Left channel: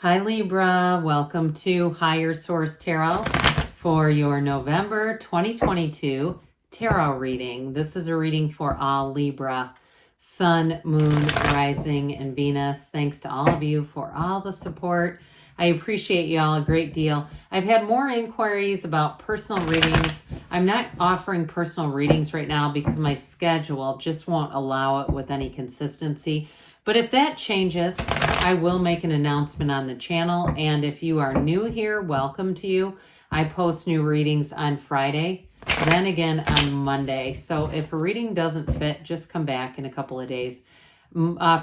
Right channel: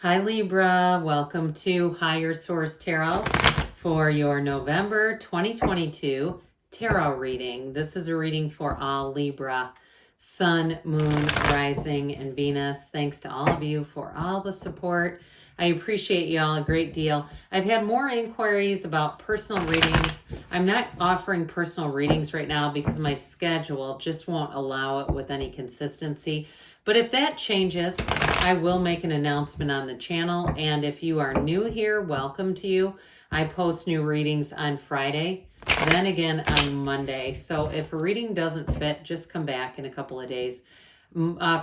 Hi Libra, welcome to Higher Source Tarot for your November 2022 tarot reading. This is a reading for all Libra, Sun, Moon, Rising, and Venus. Thanks to all of you for all the support. I appreciate you all a great deal. I've had more inquiries about personal readings. I'm not offering personal readings right now because my schedule just won't allow it with any consistency. But if that changes, I will make an announcement on the channel. And if you are new here, welcome to you. I post new readings on Friday, then again on Monday. So if a reading doesn't fit, just come back in a couple of days.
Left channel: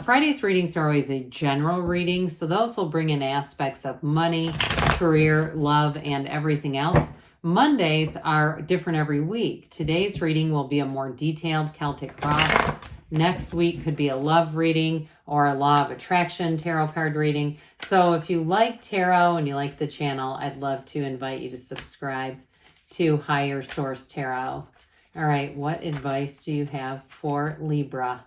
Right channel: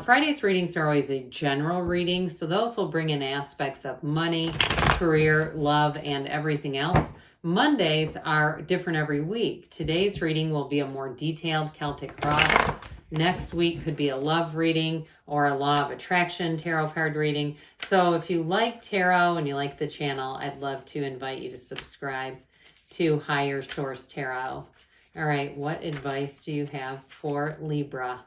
Friday's readings are always a general reading, so those will bring in aspects of money, career, love, and everything else. Mondays are different every week. Today's reading will be a more detailed Celtic cross. Next week could be a love reading or a law of attraction tarot card reading. So if you like tarot and you like the channel, I'd love to invite you to subscribe to Higher Source Tarot. All right, what advice do you have for Libra?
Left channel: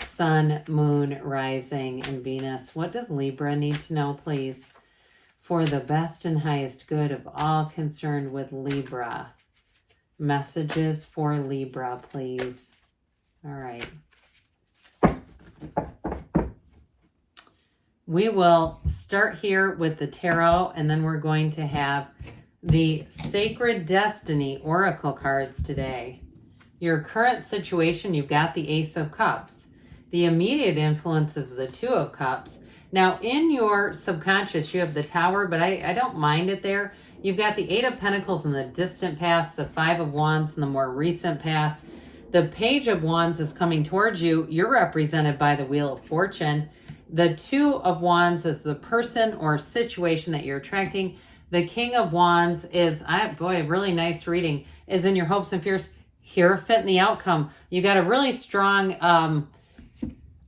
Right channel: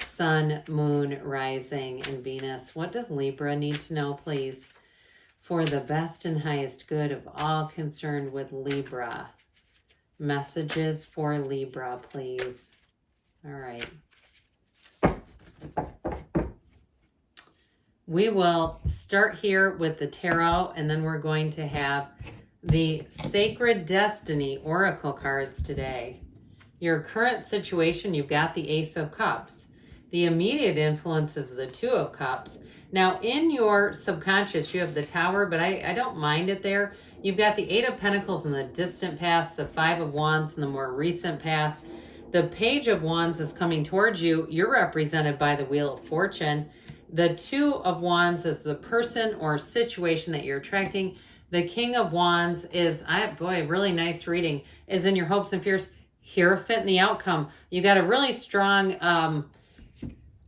Sun, Moon, Rising, and Venus. What does Libra need to know, please? For the best and highest good of all concerned with Libra. Messages for Libra, please. All right. We will start here with the tarot, and then we're going to have the Sacred Destiny Oracle cards today. Your current situation, you've got the Ace of Cups. The immediate influence is the Two of Cups. Now, in your subconscious, you have the Tower, but I don't mind it there. You've got the Eight of Pentacles in the distant past, the Five of Wands in the more recent past. The Page of Wands is coming towards you. You're represented by the Wheel of Fortune. The Two of Wands is the person or situation that you're attracting. The King of Wands is, really nice reading, is in your hopes and fears. Here, fit in the outcome. You got a really strong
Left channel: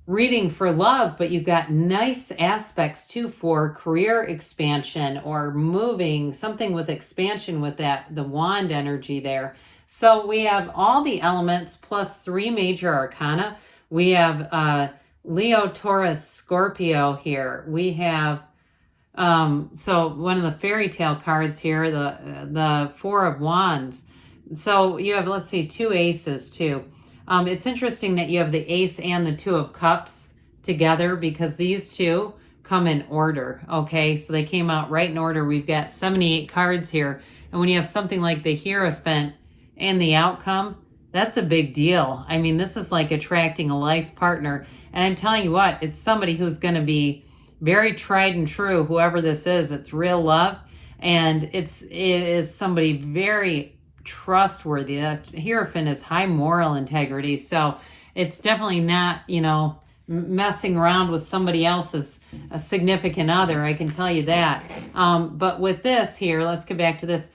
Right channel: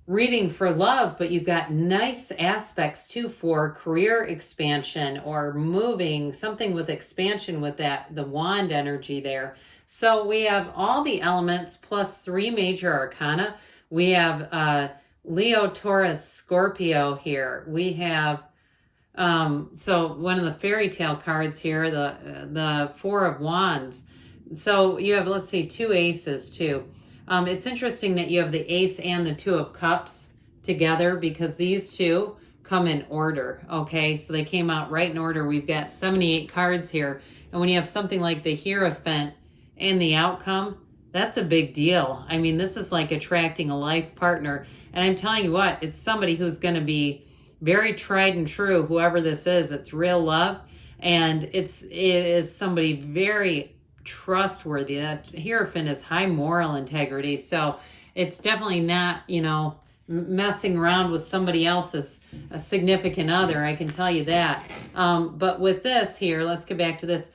reading for love, but you've got nice aspects too for career expansion or moving, something with expansion with the wand energy there. So we have all the elements plus 3 major arcana. We have Leo, Taurus, Scorpio here. We have, so one of the fairy tale cards here, the Four of Wands. So you have, let's see, 2 aces too. It's interesting that you have the Ace and the Two of Cups together because these two come in order, okay? So they came out right in order. We've got 78 cards here. And when you have something like the Hierophant and the outcome, that's a big deal. I mean, this is like attracting a life partner. And I'm telling you what, it's somebody who's going to be very tried and true, whoever this is. It's real love. And it is somebody very trustworthy. The Hierophant is high moral integrity. So it's definitely not, messing around with somebody else's a significant other. I can tell you that. But with this here, let's get back to this.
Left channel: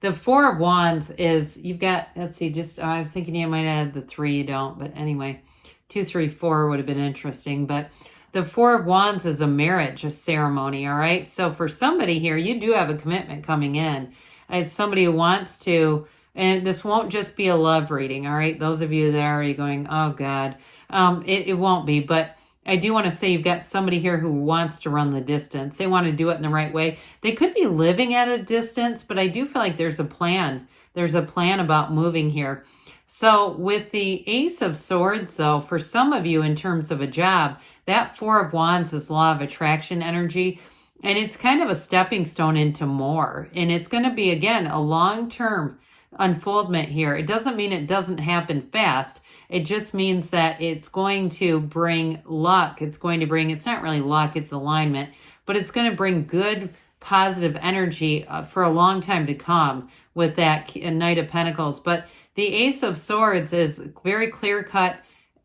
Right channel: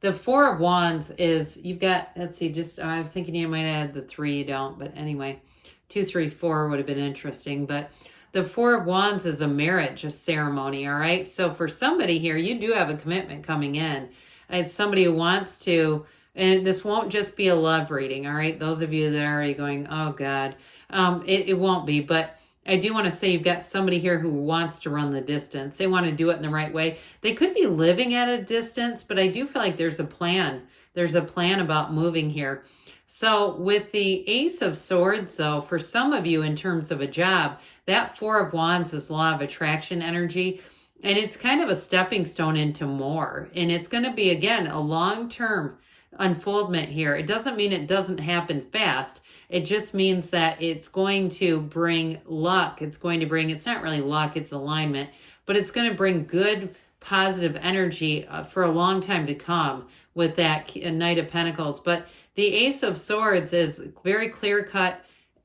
The Four of Wands is, you've got, let's see, I was thinking you might add the 3, you don't, but anyway, 2, 3, 4 would have been interesting. But the Four of Wands is a marriage, a ceremony, all right? So for somebody here, you do have a commitment coming in. It's somebody who wants to, and this won't just be a love reading, all right? Those of you that are already going, oh God, it won't be, but I do want to say you've got somebody here who wants to run the distance. They want to do it in the right way. They could be living at a distance, but I do feel like there's a plan. There's a plan about moving here. So with the Ace of Swords, though, for some of you in terms of a job, that Four of Wands is law of attraction energy, and it's kind of a stepping stone into more. And it's going to be, again, a long-term unfoldment here. It doesn't mean it doesn't happen fast. It just means that it's going to bring luck. It's not really luck, it's alignment, but it's going to bring good, positive energy for a long time to come with that Knight of Pentacles. But the Ace of Swords is very clear-cut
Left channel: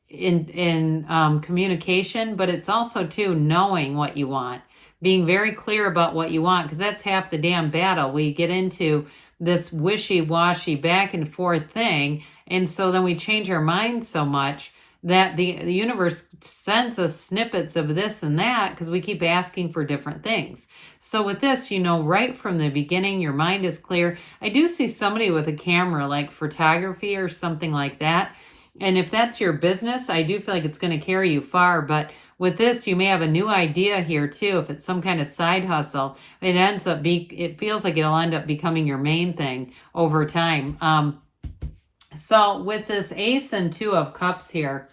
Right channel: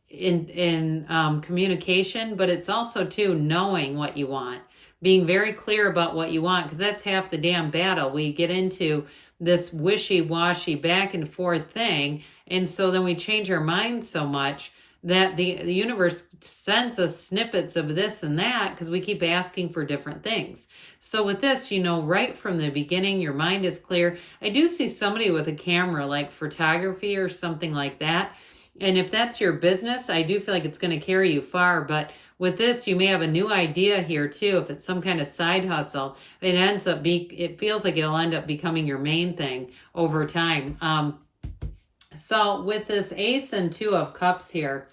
in communication, but it's also, too, knowing what you want, being very clear about what you want, because that's half the damn battle. We get into this wishy-washy back and forth thing, and so then we change our minds so much that the universe sends us snippets of this and that because we keep asking for different things. So with this, right from the beginning, your mind is clear. I do see somebody with a camera, like photography or something like that. And if that's your business, I do feel like it's going to carry you far. But With this, you may have a new idea here too. If it's some kind of side hustle, it feels like it'll end up becoming your main thing over time. So with this Ace and Two of Cups here,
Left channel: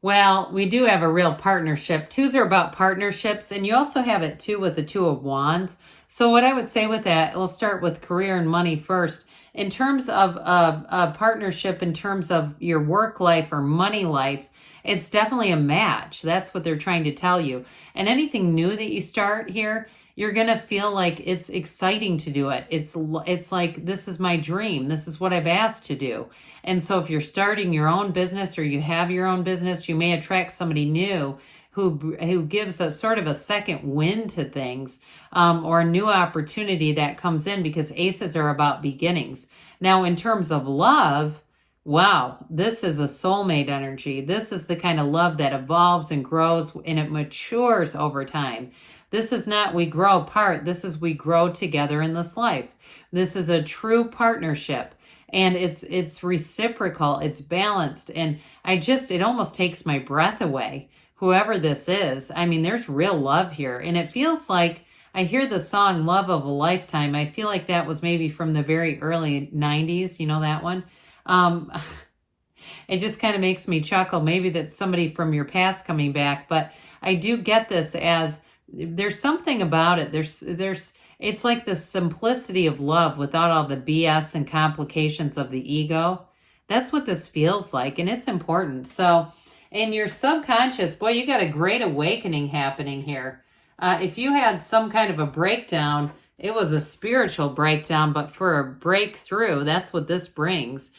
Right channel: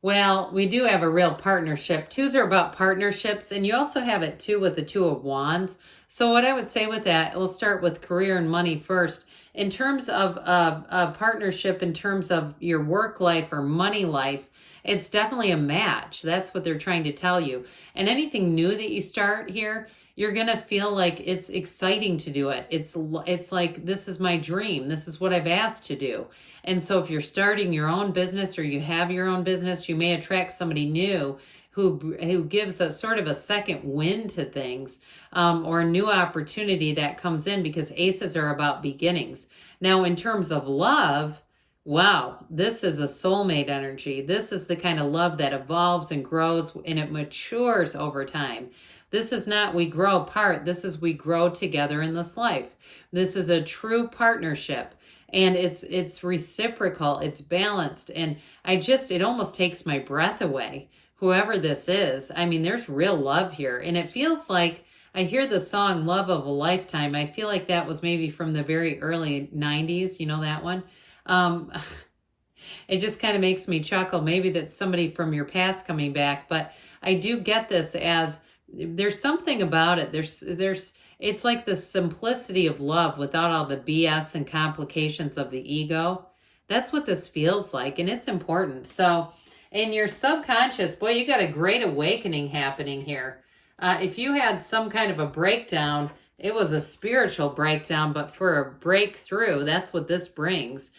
well, we do have a real partnership. Twos are about partnerships, and you also have it too with the Two of Wands. So what I would say with that, we'll start with career and money first. In terms of a partnership, in terms of your work life or money life, it's definitely a match. That's what they're trying to tell you. And anything new that you start here, you're going to feel like it's exciting to do it. It's like, this is my dream. This is what I've asked to do. And so if you're starting your own business or you have your own business, you may attract somebody new who gives a sort of a second wind to things, or a new opportunity that comes in, because aces are about beginnings. Now, in terms of love, wow, this is a soulmate energy. This is the kind of love that evolves and grows and it matures over time. This is not we grow apart. This is we grow together in this life. This is a true partnership. And it's reciprocal, it's balanced. And it almost takes my breath away, whoever this is. I mean, there's real love here. And it feels like, I hear the song Love of a Lifetime. I feel like that was maybe from the very early 90s. You know that one? It just kind of makes me chuckle. Maybe that's somebody from your past coming back. But I do get this as, there's something about it. It's like the simplicity of love without all the BS and complications of the ego. That's what this feels like, and it's important. So in your subconscious, boy, you got a great awakening happening here. If you had some kind of a breakdown, it was a spiritual breakdown, but for a breakthrough, that's what this brings.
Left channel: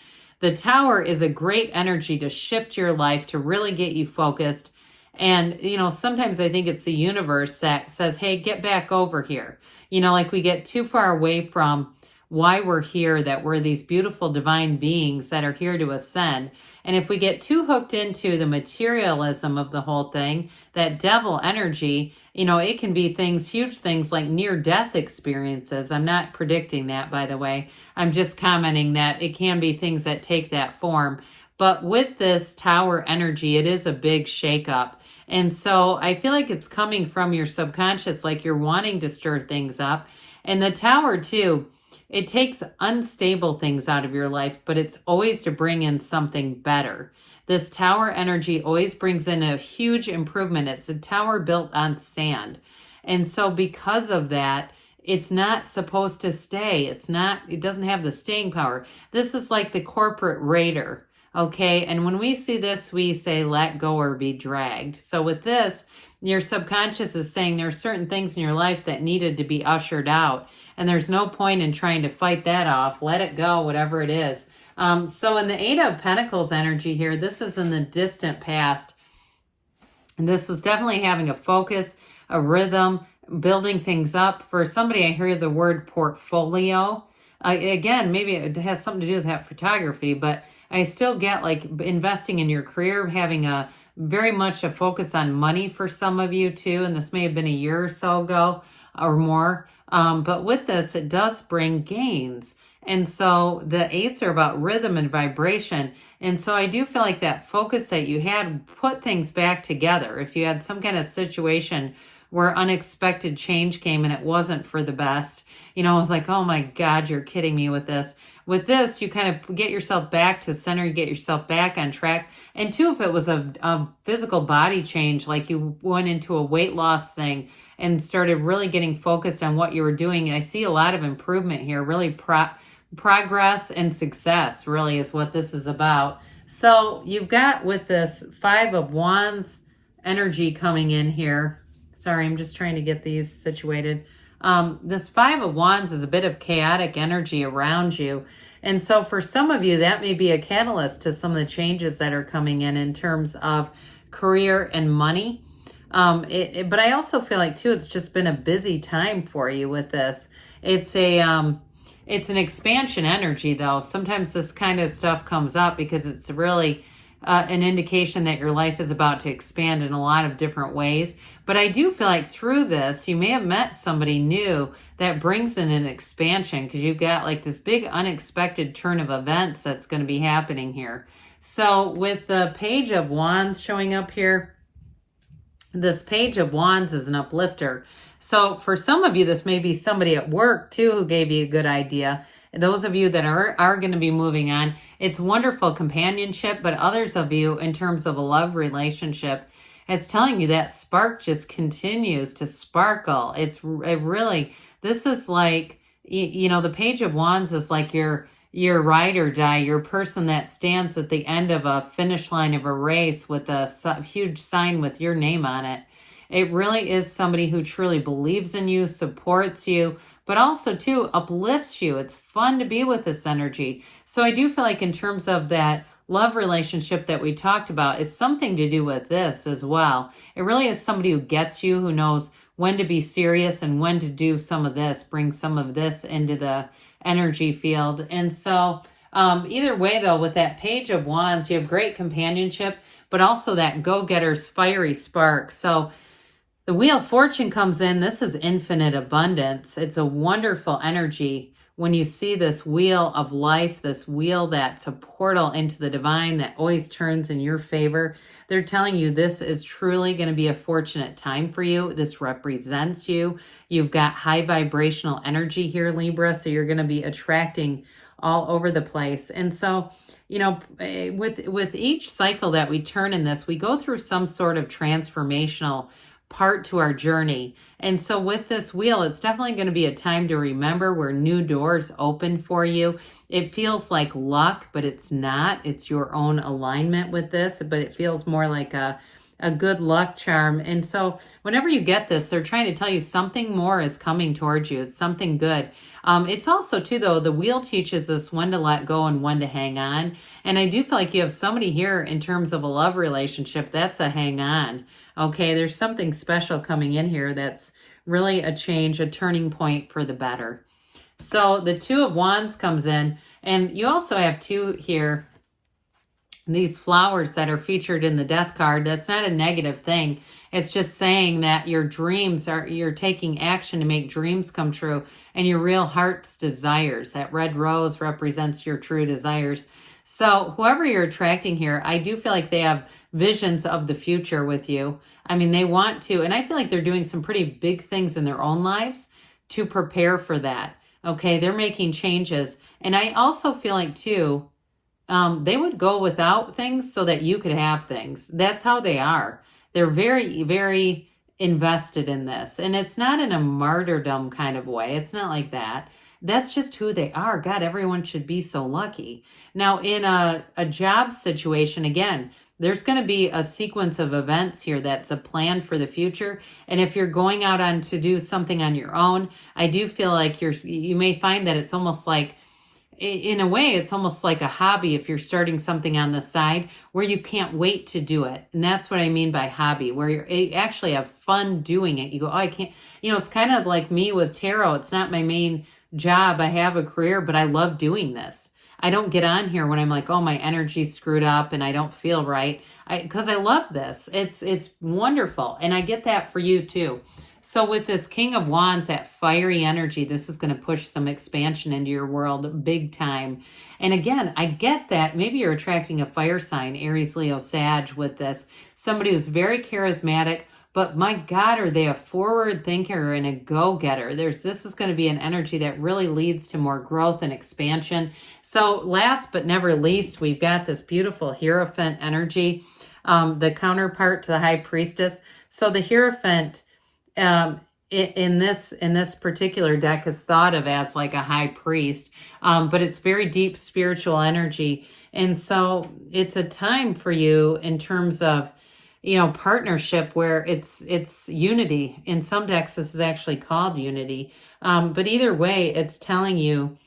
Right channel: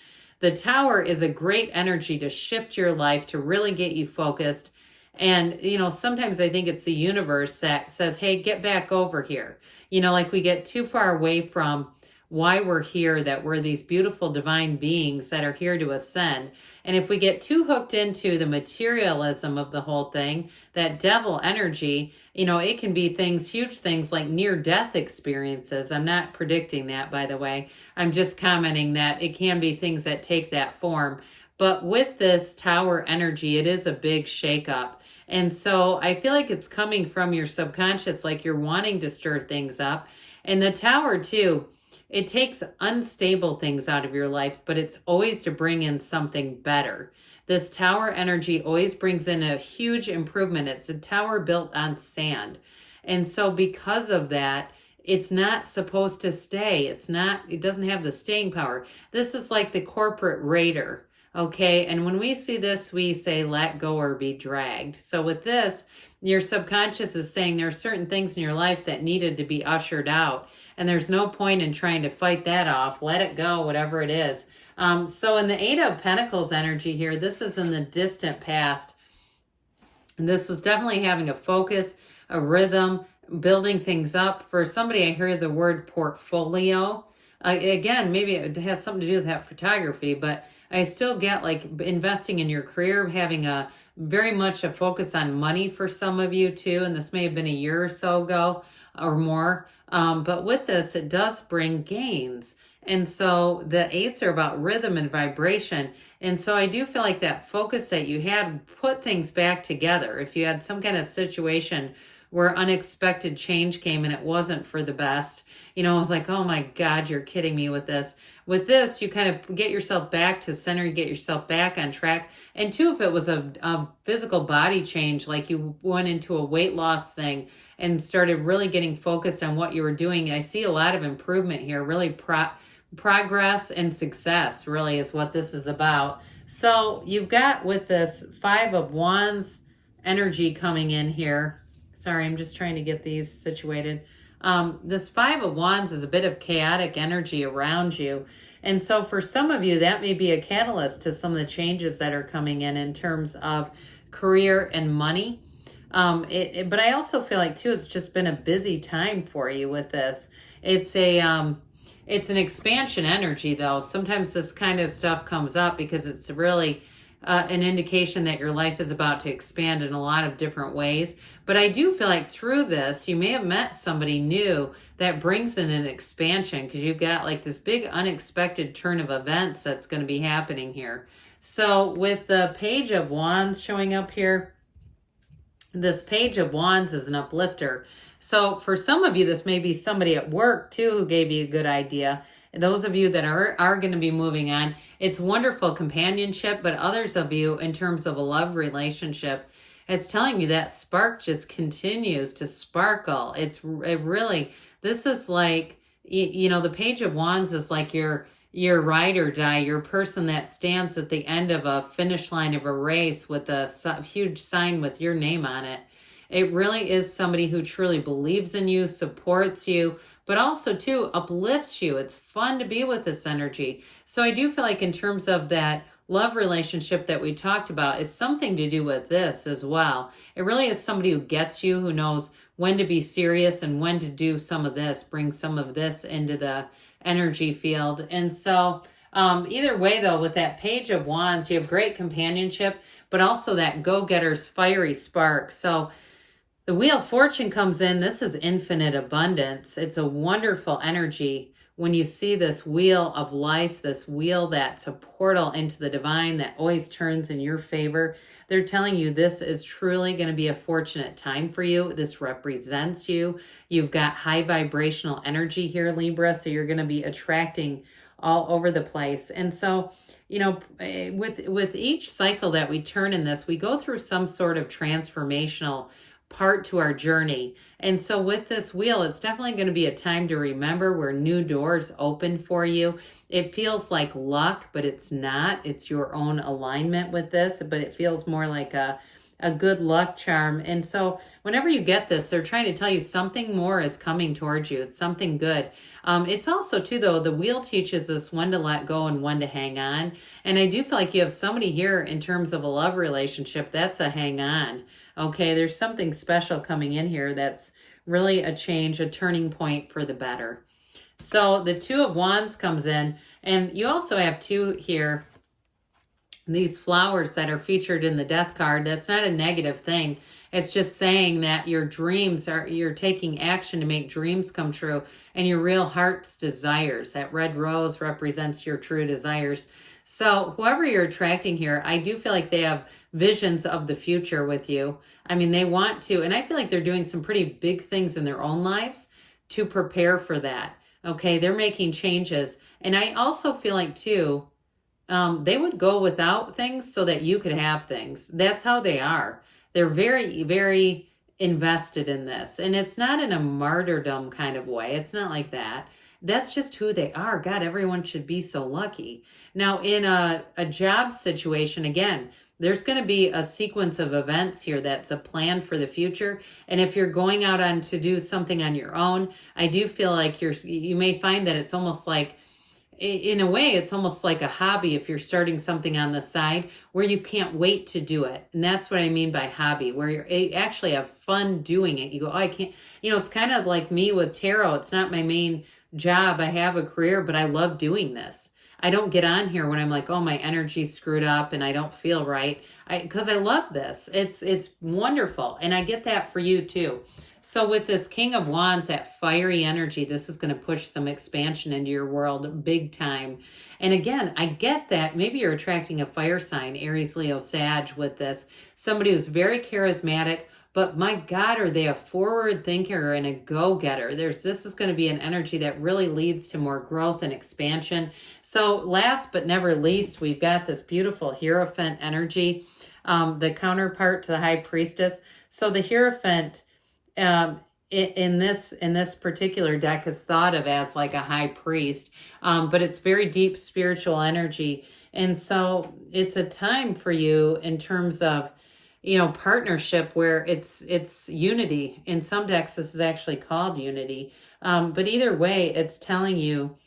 The Tower is a great energy to shift your life, to really get you focused. And, sometimes I think it's the universe that says, hey, get back over here. Like we get too far away from why we're here, that we're these beautiful divine beings that are here to ascend. And if we get too hooked into the materialism of the whole thing, that devil energy, it can be huge things like near-death experiences. I'm not predicting that, by the way. I'm just commenting that it can be things that take that form. But with this Tower energy, it is a big shakeup. And so I feel like it's coming from your subconscious, like you're wanting to stir things up. And the Tower too, it takes unstable things out of your life, but it's always to bring in something better. This Tower energy always brings in a huge improvement. It's a tower built on sand. And so because of that, it's not supposed to stay. It doesn't have the staying power. This is like the corporate raider. Okay, and when we see this, we say, let go or be dragged. So with this, your subconscious is saying there are certain things in your life that needed to be ushered out. And there's no point in trying to fight that off. Let it go, whatever it is. So in the Eight of Pentacles energy here, this is in the distant past. And this was definitely having a focus, a rhythm, building things up. For somebody, I hear the word portfolio. Again, maybe it has something to do with that photography, but I still get like investing in your career, having very much a focus on money for some of you too. And this may have been a year or so ago or more. But with this, it does bring gains. And so the eights are about rhythm and vibration. And so I do feel like that focus that you had put things back together. If you had some kind of situation where unexpected change came and it wasn't for the best, it was like, oh my God, you're kidding me with this. With this, you kind of get yourself back to center, you get yourself back on track. And two, if it was a physical body change, like you went into a weight loss thing and started really getting focused on what you were doing, I see a lot of improvement here, really progress and success really is what this is about. So you've got with this Five of Wands energy coming in here. Sorry, I'm just trying to get these situated. This Five of Wands is a bit of chaotic energy around you. And so for some of you, that may be a catalyst to some of the changes that are coming in terms of career and money. But I also feel like too, it's just been a busy time for you with this. It's an expansion energy though. Sometimes this kind of stuff comes up because it's really an indication that your life is about to expand in a lot of different ways. But I do feel like through this, you may have met somebody new that brings in an expansion because you've got like this big unexpected turn of events that's going to be happening here. So with the Page of Wands showing up here, This Page of Wands is an uplifter. So for some of you, this may be somebody at work too who gave you a good idea. And those of you that are going to be moving on, it's wonderful companionship, but others of you in terms of a love relationship, it's telling you that spark just continues to sparkle. It really, this is like, you know, the Page of Wands is like your ride or die, your person that stands at the end of a finish line of a race with a huge sign with your name on it. It really is somebody who truly believes in you, supports you, but also too uplifts you. It's fun to be with this energy. So I do feel like in terms of that love relationship that we talked about, it's something to do with this as well. It really is somebody who gets you, who knows when to be serious and when to do some of this, bring some of this into the energy field. And so either way though, with that Page of Wands, you have great companionship, but also that go-getter's fiery spark. So the Wheel of Fortune comes in. This is infinite abundance. It's a wonderful energy when you see this wheel of life, this wheel that's a portal into the divine that always turns in your favor. They're telling you this is truly going to be a fortunate time for you. This represents you. You've got high vibrational energy here, Libra, so you're going to be attracting all over the place. And so, you know, with each cycle that we turn in this, we go through some sort of transformational part to our journey. And so with this wheel, it's definitely going to be a time to remember where new doors open for you. It feels like luck, but it's not. It's your own alignment with this, but it feels more like a good luck charm. And so whenever you get this, they're trying to tell you something more is coming towards you. It's something good. It's also too, though, the wheel teaches us when to let go and when to hang on. And I do feel like you have somebody here in terms of a love relationship that's a hang on. Okay, there's something special coming in here that's really a change, a turning point for the better. So the Two of Wands comes in, and you also have two here, these flowers that are featured in the Death card. That's not a negative thing. It's just saying that your dreams you're taking action to make dreams come true, and your real heart's desires. That red rose represents your true desires. So whoever you're attracting here, I do feel like they have visions of the future with you. I mean, they want to, and I feel like they're doing some pretty big things in their own lives to prepare for that. Okay, they're making changes. And I also feel like too, they would go without things so that you could have things. That's how they are. They're very, very invested in this. And it's not in a martyrdom kind of way. It's not like that. That's just who they are. God, everyone should be so lucky. Now, in a job situation, again, there's going to be a sequence of events here that's a plan for the future. And if you're going out on to do something on your own, I do feel like you may find that it's almost like, in a way, it's almost like a hobby if you're starting something on the side where you can't wait to do it. And that's what I mean by hobby, where you actually have fun doing it. You go, oh, I can't, you know, it's kind of like me with tarot. It's not my main job. I have a career, but I love doing this. I don't get on here when I'm like, oh, my energy's screwed up and I don't feel right. Because I love this. It's wonderful. And I get that for you too. So with this King of Wands, that fiery energy, this is going to push some expansion into your world big time. And again, I get that. Maybe you're attracting a fire sign, Aries, Leo, Sag with this. Somebody who's very charismatic, but my God, are they a forward thinker and a go-getter? This is going to be an energy that really leads to more growth and expansion. So last but never least, we've got this beautiful Hierophant energy, the counterpart to the High Priestess. So the Hierophant in this particular deck is thought of as like a high priest, but it's very deep spiritual energy. And so it's a time for you in terms of, you know, partnership where it's unity. In some decks, this is actually called unity. But either way, it's telling you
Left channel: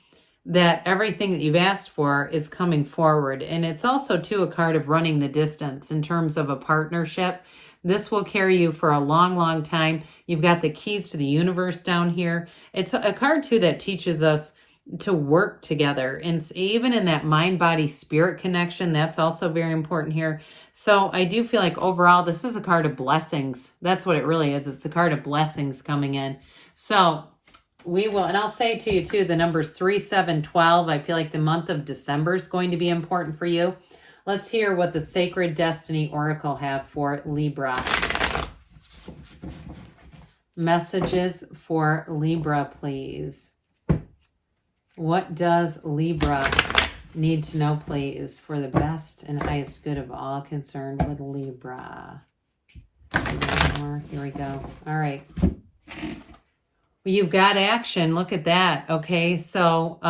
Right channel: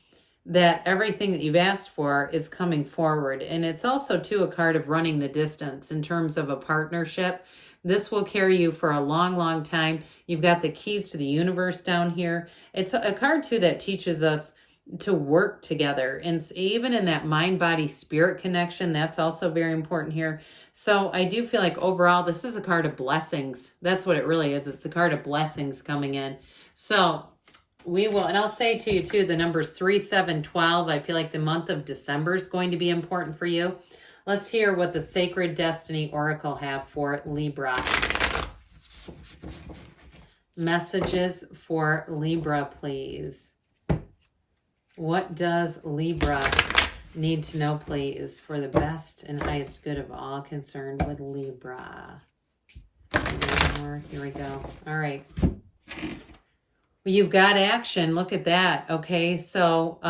that everything that you've asked for is coming forward. And it's also, too, a card of running the distance in terms of a partnership. This will carry you for a long, long time. You've got the keys to the universe down here. It's a card, too, that teaches us to work together. And even in that mind, body, spirit connection, that's also very important here. So I do feel like overall, this is a card of blessings. That's what it really is. It's a card of blessings coming in. So we will, and I'll say to you too, the numbers 3, 7, 12. I feel like the month of December is going to be important for you. Let's hear what the Sacred Destiny Oracle have for Libra. Messages for Libra, please. What does Libra need to know, please, for the best and highest good of all concerned with Libra? Here we go. All right. Well, you've got action. Look at that. Okay, so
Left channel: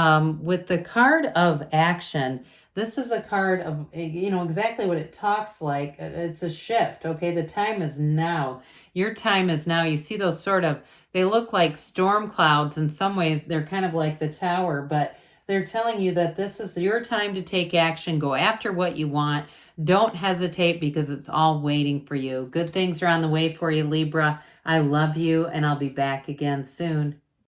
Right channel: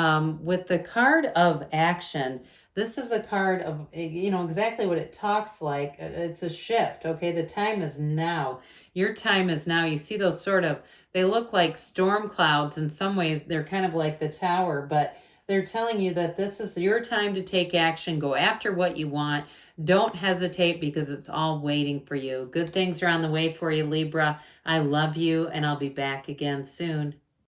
with the card of action, this is a card of, you know, exactly what it talks like. It's a shift, okay? The time is now. Your time is now. You see those sort of, they look like storm clouds in some ways. They're kind of like the tower, but they're telling you that this is your time to take action. Go after what you want. Don't hesitate because it's all waiting for you. Good things are on the way for you, Libra. I love you, and I'll be back again soon.